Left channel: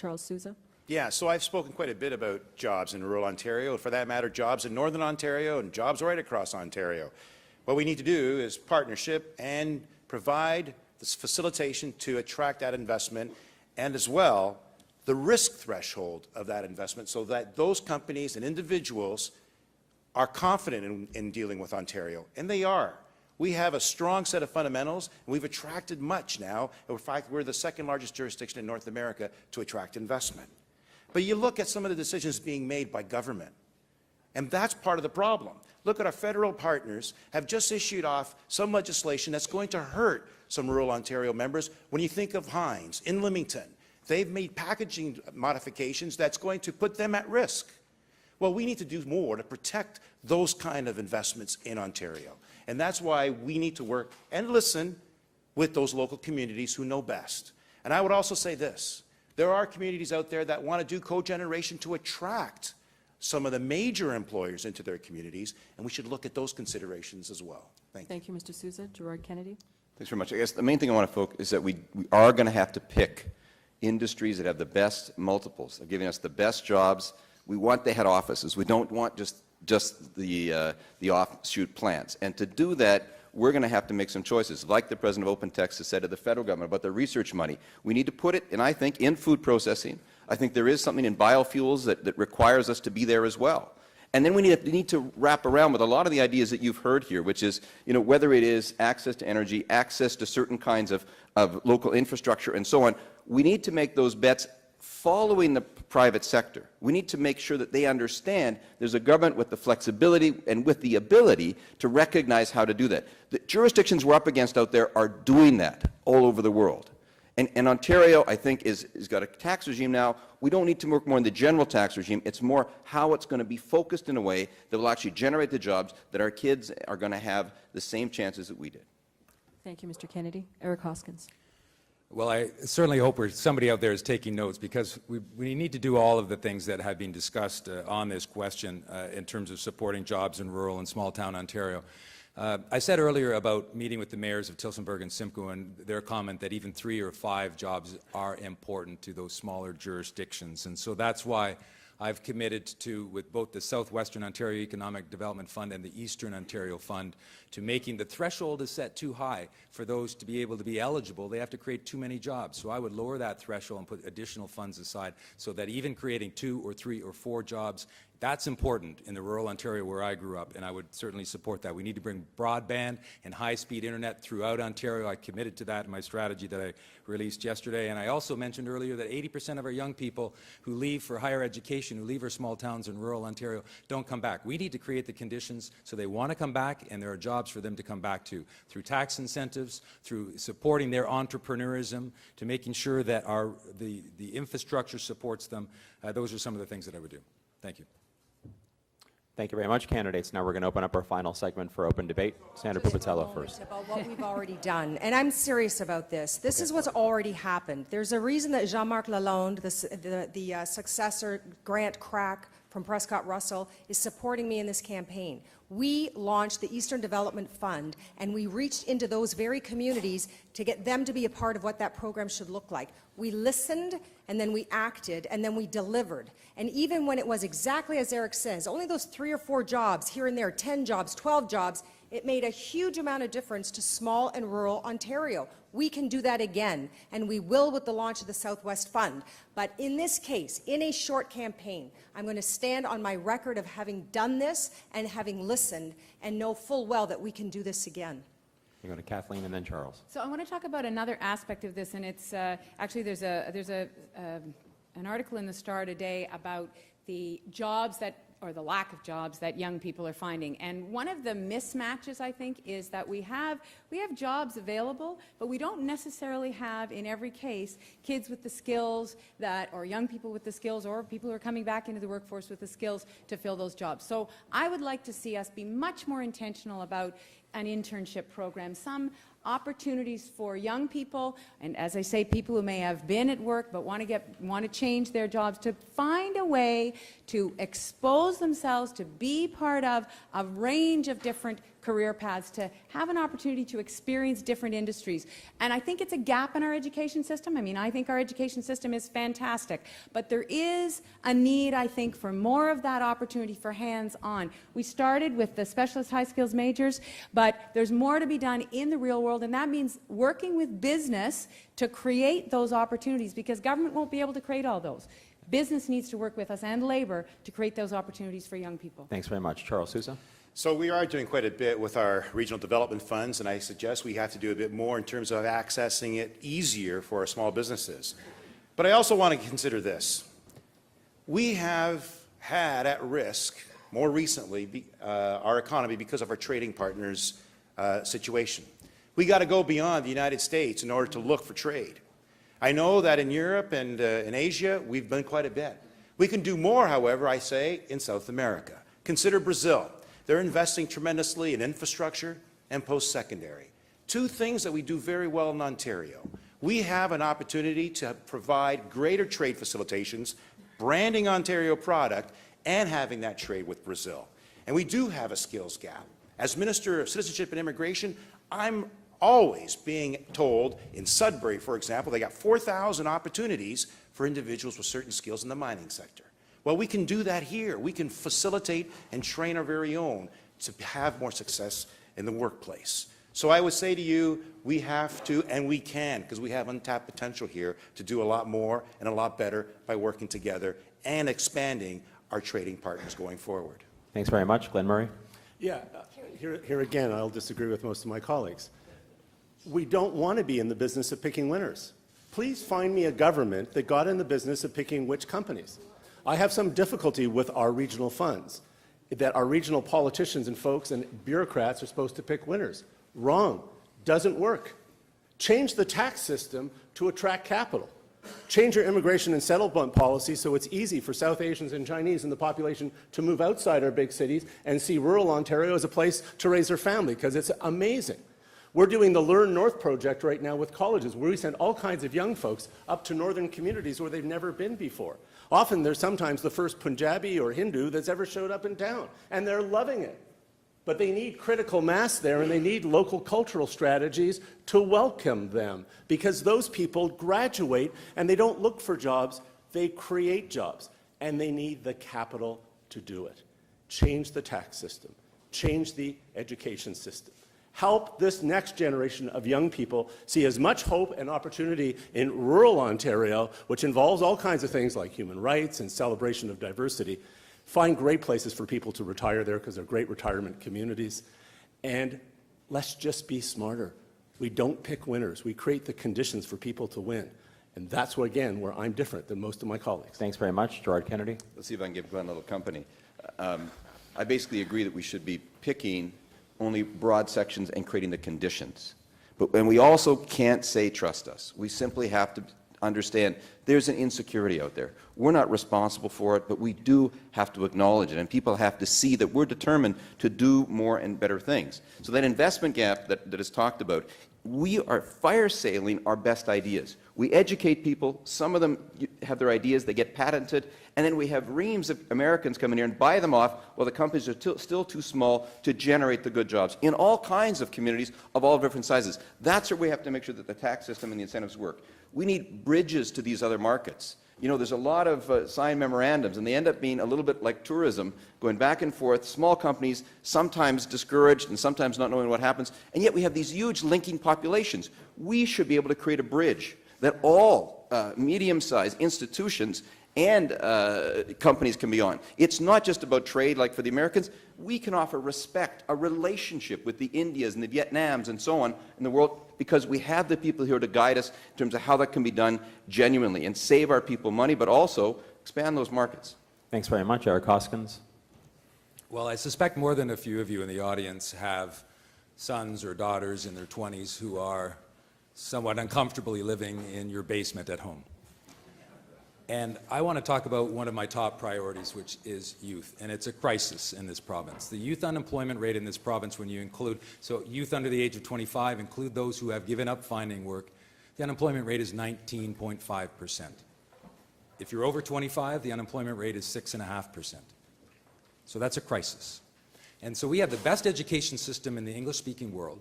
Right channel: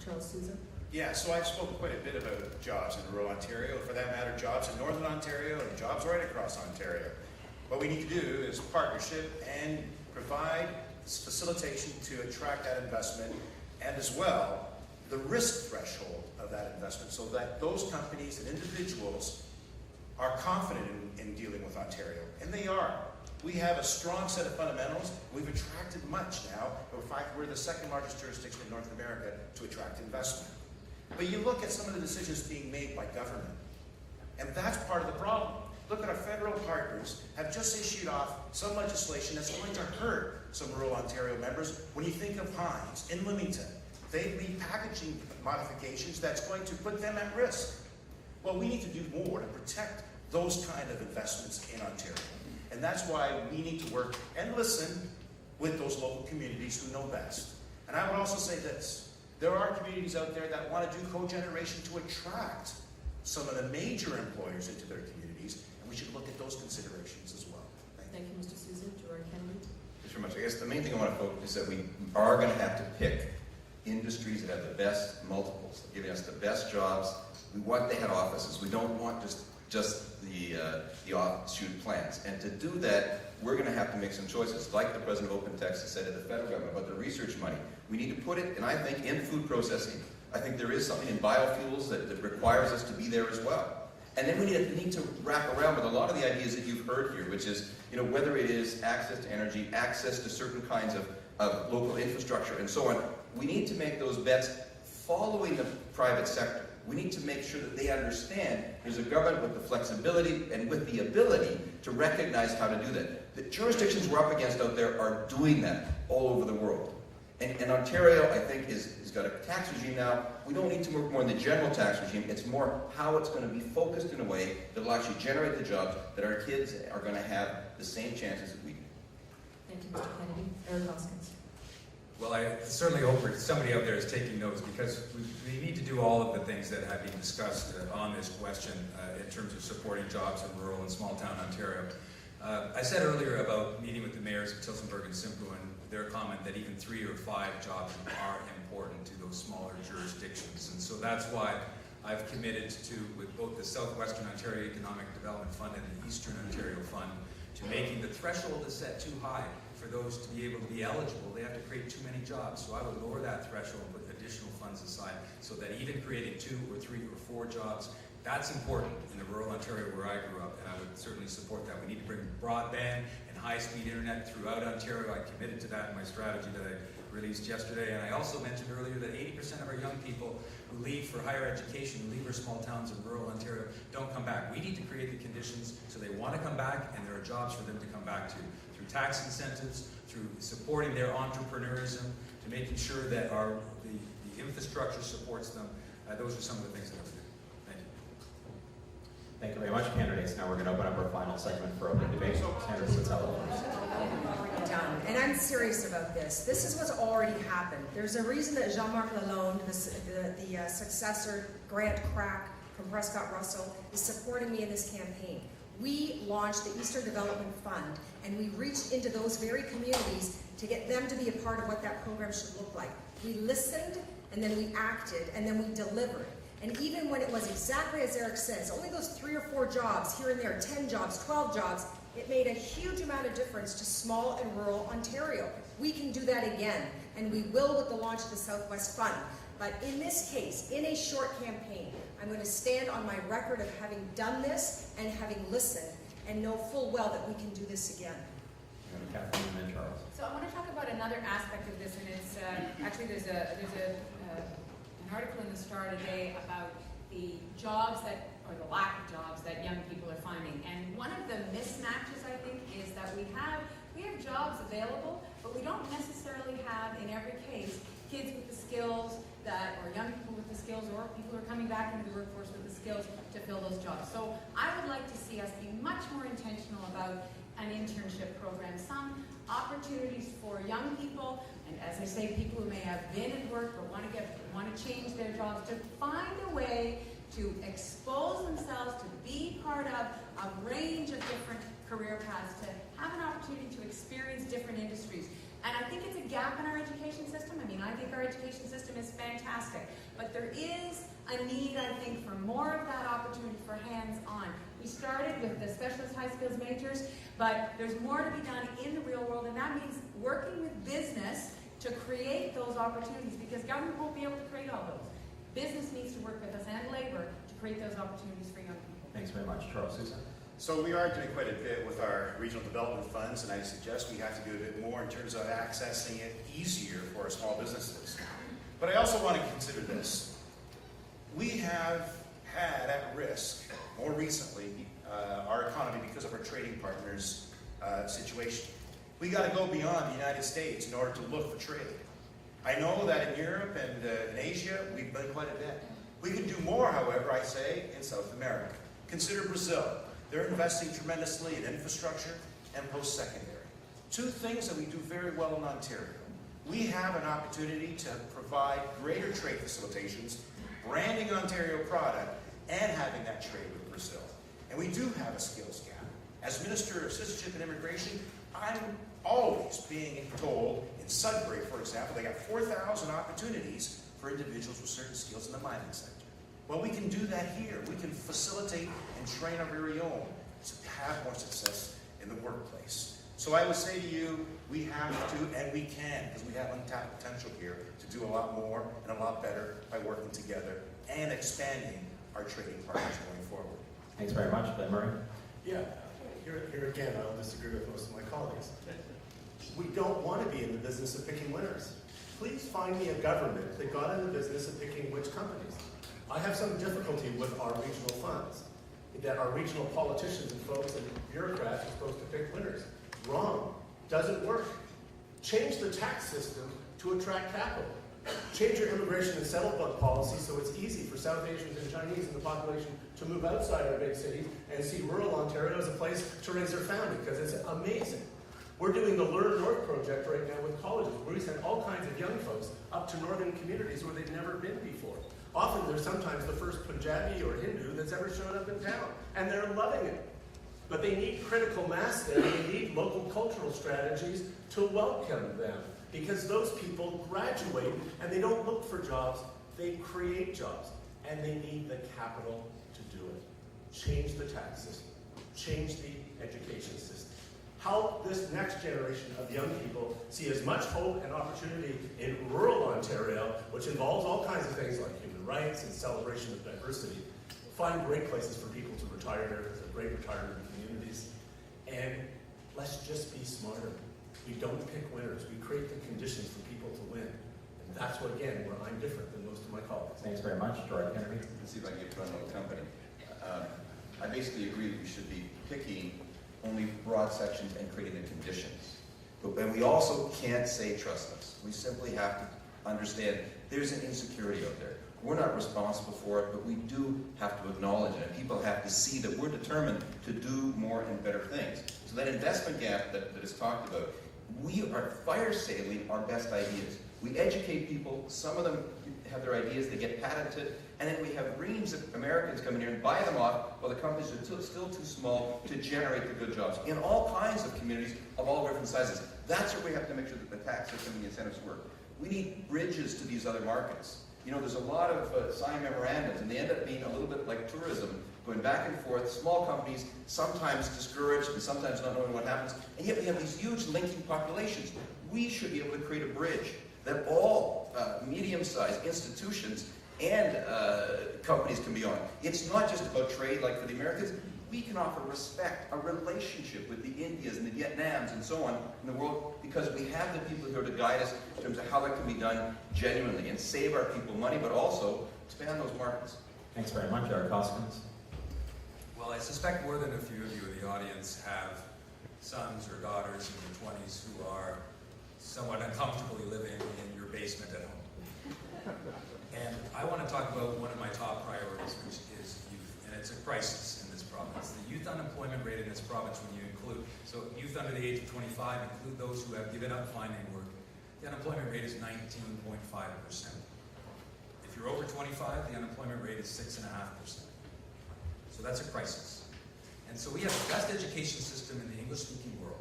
Charles Sousa. Yeah, so I've spoken quite a bit about jobs in rural Ontario, for that matter, jobs in northern Ontario and jobs right across Ontario. What we need to do is partnership and provide this facilitation to attract that investment, and as well the risk threshold of that investment, so that those companies and individuals are confident in dealing with Ontario, and they are. We have a strong set of fundamentals. We've attracted much now. In fact, we're the second largest jurisdiction in North America to attract investment. But you look at some of the decisions being made by government, and that's part of the problem. Look at our federal partners have just issued off some legislation that's going to hurt some rural Ontario members. When you think of Heinz in Leamington, they've made packaging modifications that's going to put them at risk. Well, we need to do more to protect those kind of investments in Ontario. And that's why we need to work and listen with those local communities who know best. And I would also say this: there are communities out there that want to do cogeneration to attract some of the major employers into their communities, and we should look at those considerations as well. Thank you, Mr. Sousa. Gerard Kennedy. Thanks very much. I guess the main thing I want to focus is that we are going to have to pick industries that have the best multiples, giving us the best jobs. We want the head offices. We don't want just the offshoot plants. And to do that, we're going to have to make some choices. Like the president of OpenText has said to the federal government about the research money, we need to put it, and I think, in food processing. I think there is something in biofuels that requires us to be there as well. And then we need to wrap around with a lot of the ideas that you've heard here, which is, whether it is access to energy, access to certain kinds of local infrastructure, and so on. We need to make those bets following the private sector. We need to make sure that they understand there's a government with the flexibility and with the ability to recognize how to do that. The jurisdictions we're up against out there are doing that all over the world. And Ontario, I think, has got a tax regime now. We don't need to work more in the general tax regime. It's more how it's going to be focused in a way that will actually generate the jobs that our kids are going to have the same chances that we do. Thank you, Mr. Kennedy. Eric Hoskins. Well, I certainly hope somebody out there is taking notes, because we need to do all of the things that have been discussed on this question in terms of supporting jobs in rural and small town Ontario. I said earlier about meeting with the mayors of Tillsonburg and Simcoe, and their comment that even 3 or 5 jobs are important to those smaller jurisdictions. And so that's why I've committed to, with both the Southwestern Ontario Economic Development Fund and the Eastern Ontario Fund, to making the threshold is set too high for those to be able to be eligible. They have to create too many jobs. So I would lower that threshold and put additional funds aside, so that even creating 2 or 3 or 4 jobs, that's important in the rural Ontario where I grew up, and I would certainly support that. We need to bring broadband and high-speed internet throughout Ontario. I committed to that in my strategy that I released yesterday. And I also mentioned earlier that 80% of our young people who leave for higher education, who leave our small towns in rural Ontario, don't come back. We need to create the conditions so they want to come back, and there are jobs for them to come back to, through tax incentives, through supporting their entrepreneurism, to making sure that the infrastructure supports them. Those are some of the things that I would do. Thank you. Thank you very much, candidates. Now we're going to open up our final segment for open debate. Senator Pupatello first. What we've already done, and I'm serious about this. This is what's already happened. There's a reason that Jean-Marc Lalonde, the successor Grant Crack from Prescott Russell, is supporting me in this campaign. We launched the Eastern Development Fund, and we reached into those very communities to get them to be a part of what that program should look like. We listened, and then we acted, and then we delivered. And even when it was exactly as Eric says, only those 3 or 4 jobs here and there, 10 jobs, 12 jobs, it made a huge amount of difference to small and rural Ontario. We can do that again, and we will with the launch of the Southwest Fund. But in this case, in a short campaign, I'm going to stand on my record of having done this and having listened, and know full well that we can do this again. You're going to Kathleen and then Charles. So I want to talk about another aspect of this, and it's actually there's an article in the Star today about the jobs or the lack of jobs that young people are finding. And one of the mismatches, I think, is that we have jobs available, but we don't necessarily have, in every case, kids with the skills or young people with the skills, or people who are coming back into the workforce with the skills to fill those jobs. So I would like to see us be much more intentional about an internship program, some opportunities for young people, and as I say, people who may have been at work but want to change their jobs, to find a way to expose themselves to be part of a range of different career paths, to have an opportunity to experience different industries. And I think it's a gap in our education system. I mean, I think our education system is fantastic, but there is a need, I think, for more of that opportunity for hands-on. We started with the specialist high skills majors, but there's more to be done in the real world, and that means working with business to create those opportunities, because government won't be able to create all those. Business needs to work with us and labor to create those opportunities for young people. Thanks very much. Charles Sousa. So we are doing quite a bit with our regional development funds, and I suggest we have to do a bit more in terms of accessing it easier for our small businesses. But I also want to consider this. We have had at risk, more recently, our economy because of our trading partners' situation. We got to go beyond the United States in order to look for trade. I know that in Europe and in Asia, we've done quite a bit. We can do more, however, I say, in South America. Consider Brazil. They're investing tremendously in infrastructure and post-secondary. Two things that we do very well in Ontario. We have an opportunity to provide greater trade facilitations, branding Ontario product, and having that trade with Brazil. And we do have a skills gap. As Minister of Citizenship and Immigration, I'm always being told in Sudbury, for example, they got 4,000 opportunities for individuals with certain skills in the mining sector. Well, we can do that here. We can facilitate and train our very own to have more success in the workplace. So I would say to you, we have to, and we can, because we have untapped potential here to do a lot more and a lot better by working together and expanding our trading partners going forward. Thanks very much. Glenn Murray. Yeah, here again, I'll disagree with most of my colleagues. We don't want to be in the business of picking winners. Please find me a government that got in the business of picking which companies. I have some difficulty with our regional funds, that our regional politicians and folks and bureaucrats are supposed to pick winners. Wrong. Doesn't work. Change the tax system to attract capital. Change your immigration and settlement policy so it's easy for South Asians and Chinese in the population to move outside our big cities and see rural Ontario as a place to raise their family, because it's amazing. We're doing the Learn North project right now with colleges, where we send all kinds of young folks up to northern communities where they've never been before. Often they're sometimes the first Punjabi or Hindu that's ever showed up in town, and they're loving it. But they need critical mass there, and they need local cultural strategies to welcome them, because those people graduate and they don't look for jobs, they create jobs, and they need the capital to do it. Change the tax system, change the education system. Help this next generation of young people see as much hope and opportunity in rural Ontario, which involves all kinds of things like human rights and celebration of diversity. Find great places for people to retire there, because they're great retirement communities. And let's just be smarter. We don't pick winners. We create the conditions for people to win. And that's, again, where I'm different than most of my colleagues. Thanks very much. Gerard Kennedy. Let's see if I can give Glenn a little company. I basically agree that we should be picking only broad sections and creating the conditions. And we also can't say trust us. We simply have to understand there's an insecurity out there. We're not responsible for it, but we do have to acknowledge it, and people have to see that we're determined to do more and better things. So that investment gap that is talked about, we are fire sailing our best ideas. We educate people, some of them have their ideas, they get patented, and then we have reams of Americans come in here and buy them off while the companies are still too small to generate the good jobs in all kinds of communities of all different sizes. That's where we have to make sure that the tax system and the incentives work. We need bridges to these other markets. You know, there's a lot of signed memorandums, and they end up being a little bit like tourism, going back and forth, small companies, sometimes discouraged and sometimes not knowing what happens, and yet we have these huge linking populations. We should be able to create a bridge that all medium-sized institutions and companies can be on. It's not just about trade like for the Americans. We can offer respect, a relationship with the Indias and the Vietnams and so on in the world, because we have the people here to guide us in terms of how that can be done genuinely and save our people money, but also expand those markets. Thanks very much. Eric Hoskins. Well, I suspect more than a few of you in the audience have sons or daughters in their 20s who are somewhat uncomfortably living in your basement at home. And I want to talk about one of my top priorities, which is youth. And it's a crisis in this province. The youth unemployment rate in this province, when you include, so youth under the age of 25, include those who have given up finding work, the unemployment rate is 19.5%. If you're over 25, the unemployment rate is 6.5%. So that's a crisis. And so we have the best education system in the English-speaking world.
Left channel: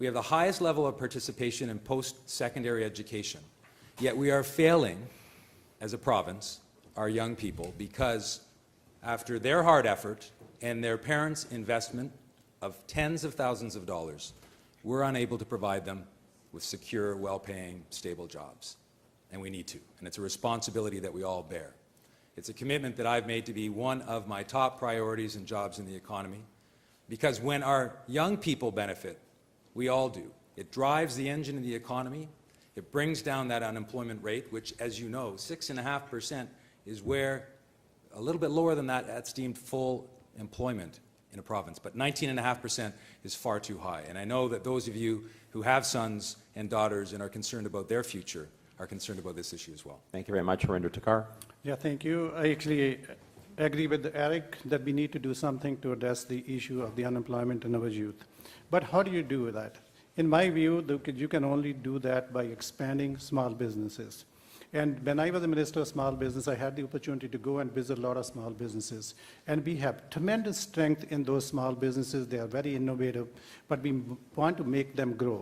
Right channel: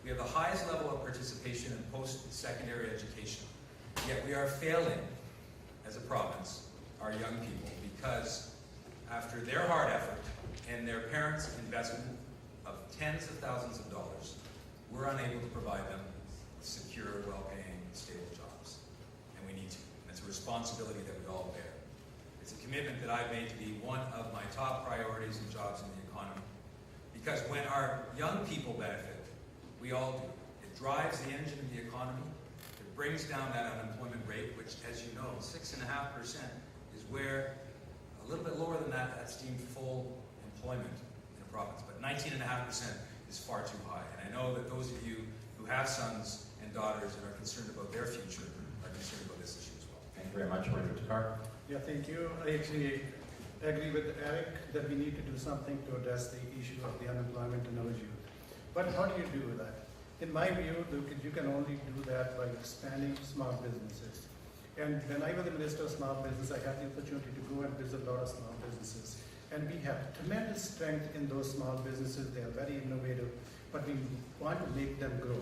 We have the highest level of participation in post-secondary education. Yet we are failing, as a province, our young people, because after their hard effort and their parents' investment of tens of thousands of dollars, we're unable to provide them with secure, well-paying, stable jobs. And we need to. And it's a responsibility that we all bear. It's a commitment that I've made to be one of my top priorities in jobs in the economy. Because when our young people benefit, we all do. It drives the engine of the economy. It brings down that unemployment rate, which, as you know, 6.5% is where, a little bit lower than that, that's deemed full employment in a province. But 19.5% is far too high. And I know that those of you who have sons and daughters and are concerned about their future are concerned about this issue as well. Thank you very much, Harinder Takar. Yeah, thank you. I actually agree with Eric that we need to do something to address the issue of the unemployment in our youth. But how do you do that? In my view, you can only do that by expanding small businesses. And when I was a Minister of Small Business, I had the opportunity to go and visit a lot of small businesses. And we have tremendous strength in those small businesses. They are very innovative, but we want to make them grow.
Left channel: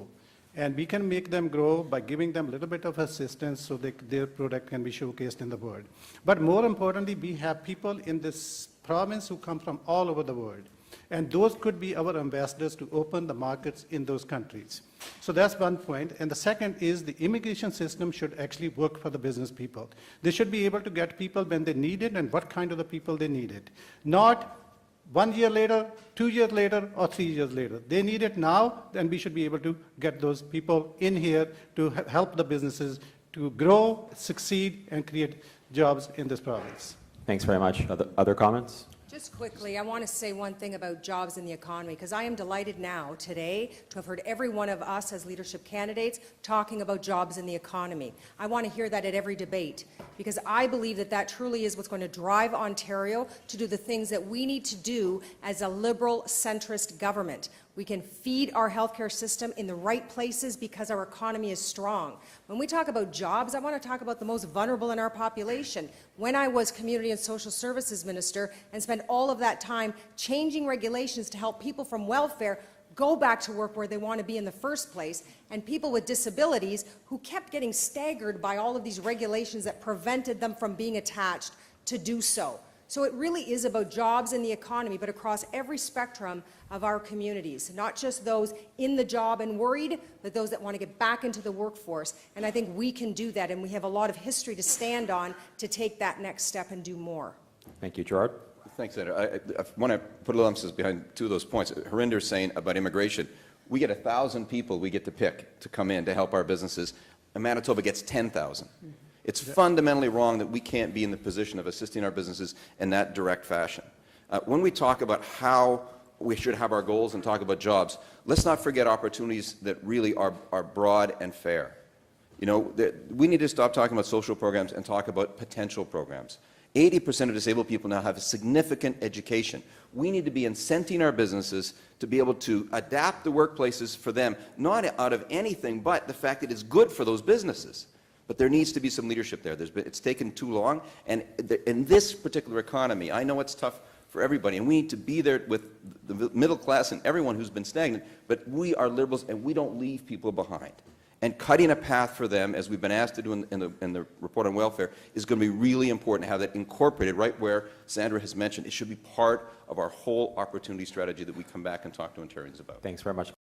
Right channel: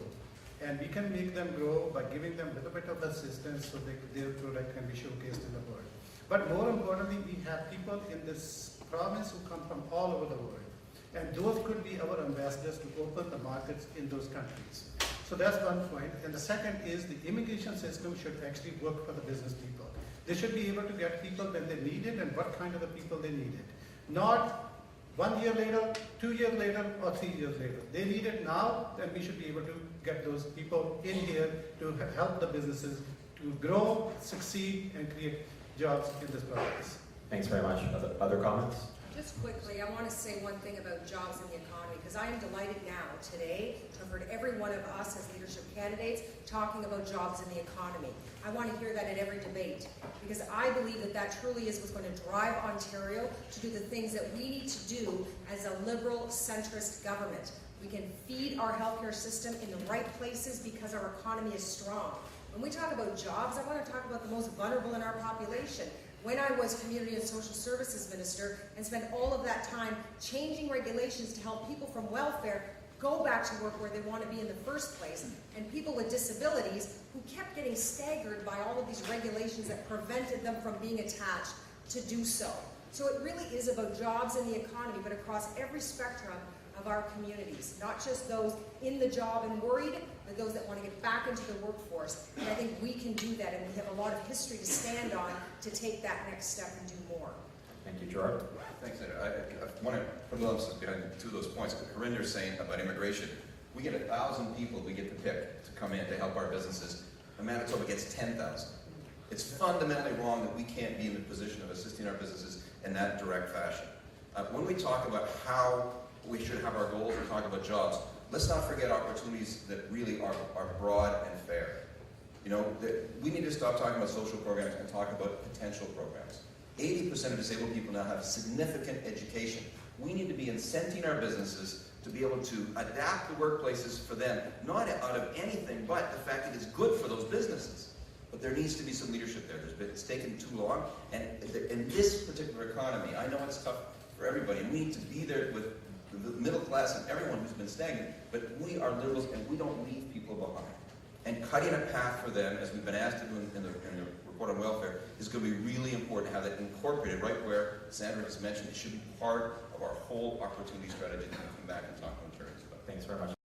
And we can make them grow by giving them a little bit of assistance so that their product can be showcased in the world. But more importantly, we have people in this province who come from all over the world. And those could be our ambassadors to open the markets in those countries. So that's one point. And the second is the immigration system should actually work for the business people. They should be able to get people when they need it and what kind of the people they need it. Not 1 year later, 2 years later, or 3 years later. They need it now, then we should be able to get those people in here to help the businesses to grow, succeed, and create jobs in this province. Thanks very much. Other comments? Just quickly, I want to say one thing about jobs in the economy, because I am delighted now, today, to have heard every one of us as leadership candidates talking about jobs in the economy. I want to hear that at every debate, because I believe that that truly is what's going to drive Ontario to do the things that we need to do as a liberal, centrist government. We can feed our healthcare system in the right places because our economy is strong. When we talk about jobs, I want to talk about the most vulnerable in our population. When I was Community and Social Services Minister and spent all of that time changing regulations to help people from welfare go back to work where they want to be in the first place, and people with disabilities who kept getting staggered by all of these regulations that prevented them from being attached to do so. So it really is about jobs in the economy, but across every spectrum of our communities, not just those in the job and worried, but those that want to get back into the workforce. And I think we can do that, and we have a lot of history to stand on to take that next step and do more. Thank you, Gerard. Thanks, Senator. I want to put a little emphasis behind two of those points. Harinder's saying about immigration. We get 1,000 people we get to pick to come in to help our businesses, and Manitoba gets 10,000. It's fundamentally wrong that we can't be in the position of assisting our businesses in that direct fashion. When we talk about how we should have our goals and talk about jobs, let's not forget opportunities that really are broad and fair. You know, we need to stop talking about social programs and talk about potential programs. 80% of disabled people now have significant education. We need to be incenting our businesses to be able to adapt the workplaces for them, not out of anything but the fact that it's good for those businesses. But there needs to be some leadership there. It's taken too long. And in this particular economy, I know it's tough for everybody, and we need to be there with the middle class and everyone who's been stagnant, but we are liberals and we don't leave people behind. And cutting a path for them, as we've been asked to do in the report on welfare, is going to be really important to have that incorporated right where Sandra has mentioned. It should be part of our whole opportunity strategy that we come back and talk to Ontarians about. Thanks very much.